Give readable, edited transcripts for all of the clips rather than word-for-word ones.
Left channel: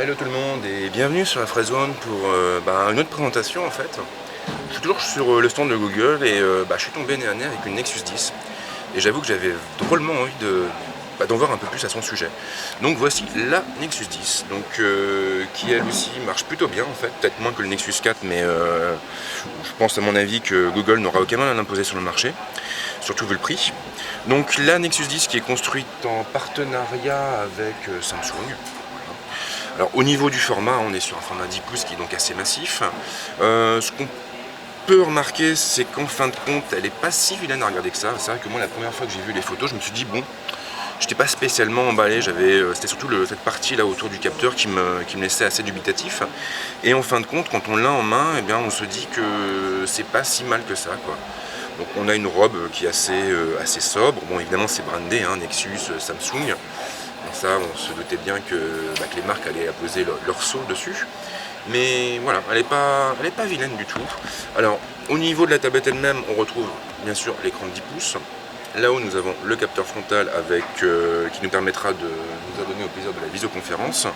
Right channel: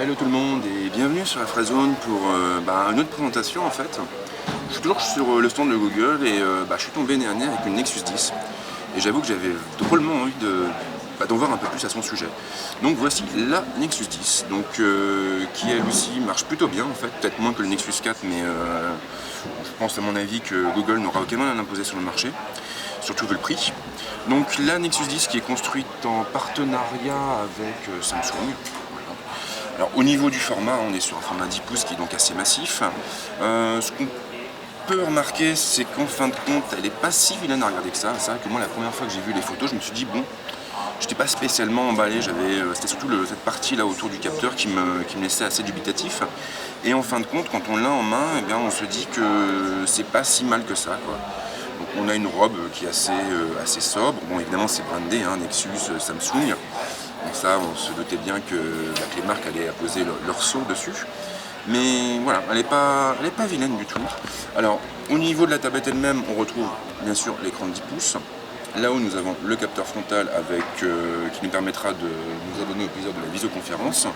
Hello tout le monde et bienvenue sur la Fredzone pour une autre présentation en fait. Je suis toujours sur le stand de Google et je suis tombé nez à nez avec une Nexus 10 et j'avoue que j'avais drôlement envie d'en voir un peu plus à son sujet. Donc voici la Nexus 10, qui elle aussi marche plutôt bien en fait, peut-être moins que le Nexus 4 mais je pense à mon avis que Google n'aura aucun mal à l'imposer sur le marché, surtout vu le prix. Donc la Nexus 10 qui est construite en partenariat avec Samsung. Alors au niveau du format, on est sur un format 10 pouces qui est donc assez massif. Ce qu'on peut remarquer, c'est qu'en fin de compte, elle n'est pas si vilaine à regarder que ça. C'est vrai que moi, la première fois que j'ai vu les photos, je me suis dit, bon, je n'étais pas spécialement emballé. C'était surtout cette partie là autour du capteur qui me laissait assez dubitatif. Et en fin de compte, quand on l'a en main, eh bien, on se dit que c'est pas si mal que ça, quoi. Donc on a une robe qui est assez sobre. Bon, évidemment, c'est brandé, hein, Nexus, Samsung. Donc ça, on se doutait bien que les marques allaient apposer leur sceau dessus. Mais voilà, elle n'est pas vilaine du tout. Alors, au niveau de la tablette elle-même, on retrouve bien sûr l'écran de 10 pouces. Là où nous avons le capteur frontal qui nous permettra de nous adonner au plaisir de la visioconférence.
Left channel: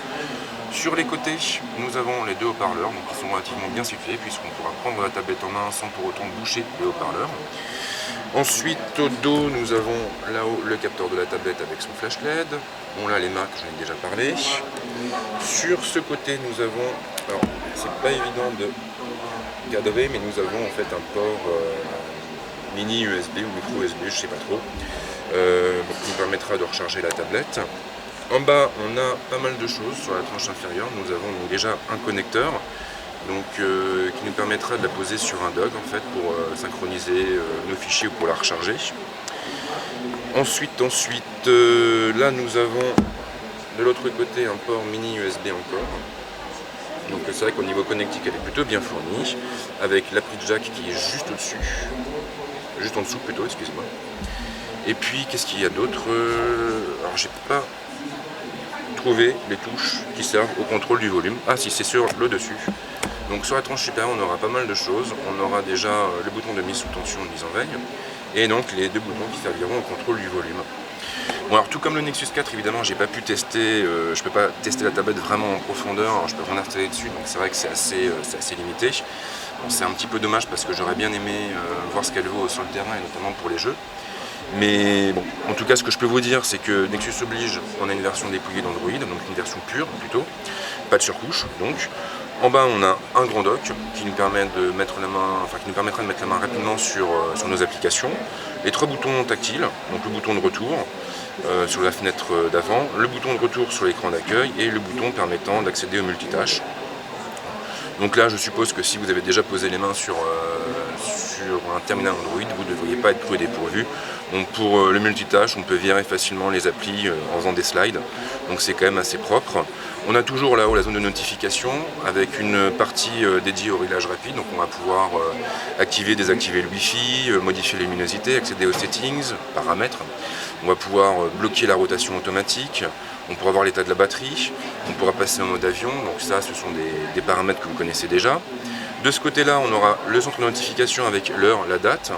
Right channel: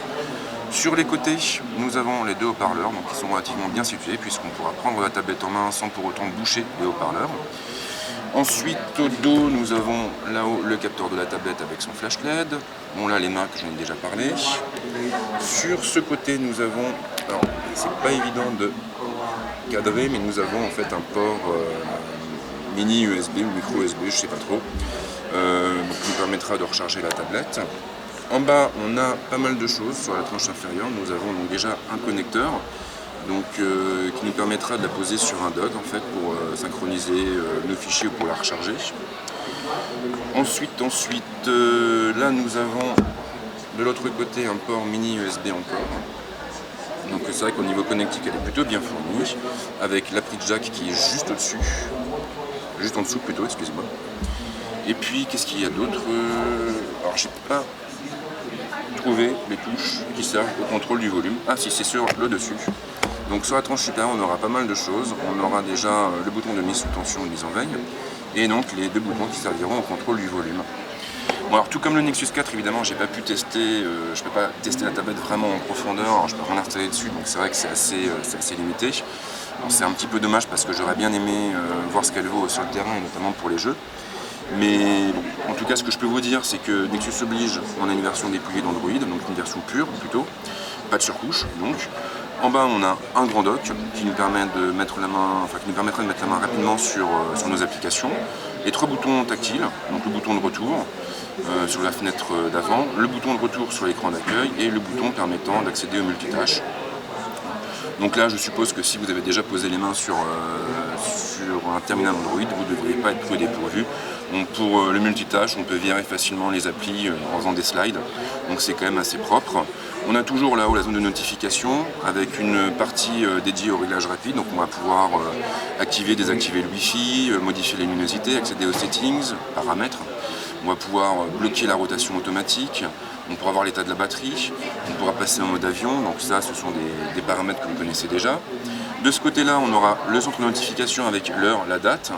Sur les côtés, nous avons les deux haut-parleurs, donc qui sont relativement bien situés puisqu'on pourra prendre la tablette en main sans pour autant boucher les haut-parleurs. Ensuite, au dos, nous avons là-haut le capteur de la tablette avec son flash LED. Bon, là, les marques, j'en ai déjà parlé. Sur ce côté, nous avons, alors, c'est pas évident de cadrer, mais nous avons en fait un port mini USB ou micro USB, je sais pas trop, qui nous permettra de recharger la tablette. En bas, on a pas mal de choses. Sur la tranche inférieure, nous avons donc déjà un connecteur. Qui nous permettra de la poser sur un dock en fait pour synchroniser nos fichiers ou pour la recharger. Ensuite, là nous avons de l'autre côté un port mini USB encore. Donc c'est vrai qu'au niveau connectique elle est plutôt bien fournie, avec la prise jack qui est juste au-dessus, juste en dessous plutôt, excusez-moi. Et puis qu'est-ce qu'il y a d'autre? Alors j'ai pas trouvé les touches qui servent au contrôle du volume. Ah si, c'est sur le dessus. Donc sur la tranche supérieure, on aura pas mal de choses. On aura déjà le bouton de mise sous tension de mise en veille, et donc les deux boutons qui serviront au contrôle du volume. Bon alors tout comme le Nexus 4, évidemment, j'ai pas pu tester, je peux pas tester la tablette vraiment en profondeur. Alors, je peux rien installer dessus, donc c'est vrai que c'est assez limité. C'est un petit peu dommage parce que j'aurais bien aimé voir ce qu'elle vaut sur le terrain et notamment pour les jeux. Mais bon, en tout cas, ce que je peux vous dire, c'est que Nexus oblige, on a une version dépouillée d'Android, donc une version pure plutôt, pas de surcouche donc. En bas, on a un grand dock qui nous permet de mettre la main, qui nous permettra de mettre la main rapidement sur nos applications. Les trois boutons tactiles, donc le bouton de retour sur la fenêtre d'avant, le bouton de retour sur l'écran d'accueil et le bouton permettant d'accéder au multitâche. Donc là, je suppose que si vous avez déjà posé les mains sur un terminal Android, vous ne devriez pas être pris au dépourvu. Donc pour le multitâche, on peut virer facilement les applis en faisant des slides, donc c'est quand même assez propre. On a toujours là-haut la zone de notification avec une partie dédiée au réglage rapide, donc on va pouvoir activer, désactiver le Wi-Fi, modifier les luminosités, accéder aux settings, paramètres. On va pouvoir bloquer la rotation automatique, on pourra voir l'état de la batterie, on pourra passer en mode avion, donc ça ce sont des paramètres que vous connaissez déjà. De ce côté-là, on aura le centre de notification avec l'heure, la date.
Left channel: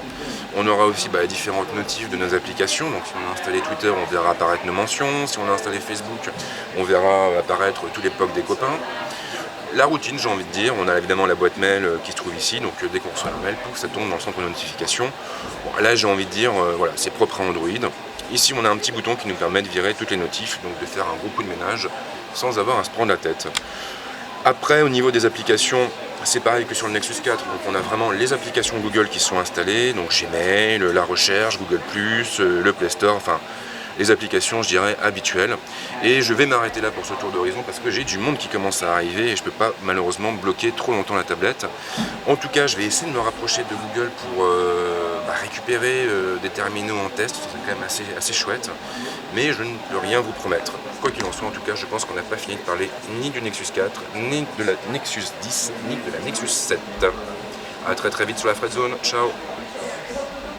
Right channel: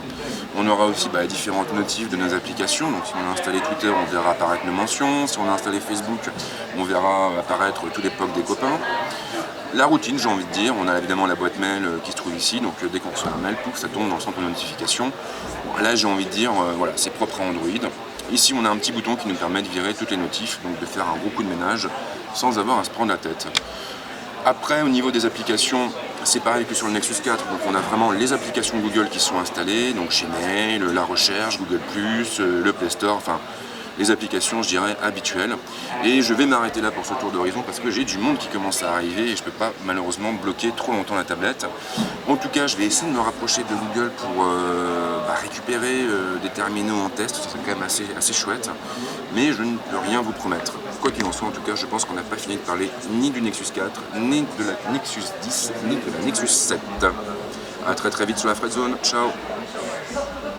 On aura aussi les différentes notifs de nos applications. Donc si on a installé Twitter, on verra apparaître nos mentions. Si on a installé Facebook, on verra apparaître tous les posts des copains. La routine, j'ai envie de dire, on a évidemment la boîte mail qui se trouve ici, donc dès qu'on reçoit un mail, ça tombe dans le centre de notification. Bon, là, j'ai envie de dire, voilà, c'est propre à Android. Ici, on a un petit bouton qui nous permet de virer toutes les notifs, donc de faire un gros coup de ménage sans avoir à se prendre la tête. Après, au niveau des applications, c'est pareil que sur le Nexus 4, donc on a vraiment les applications Google qui sont installées, donc Gmail, la recherche, Google+, le Play Store, enfin les applications, je dirais, habituelles. Et je vais m'arrêter là pour ce tour d'horizon parce que j'ai du monde qui commence à arriver et je ne peux pas malheureusement bloquer trop longtemps la tablette. En tout cas, je vais essayer de me rapprocher de Google pour récupérer des terminaux en test, c'est quand même assez chouette, mais je ne peux rien vous promettre. Quoi qu'il en soit, en tout cas, je pense qu'on n'a pas fini de parler ni du Nexus 4, ni de la Nexus 10, ni de la Nexus 7. A très vite sur la Fredzone, ciao.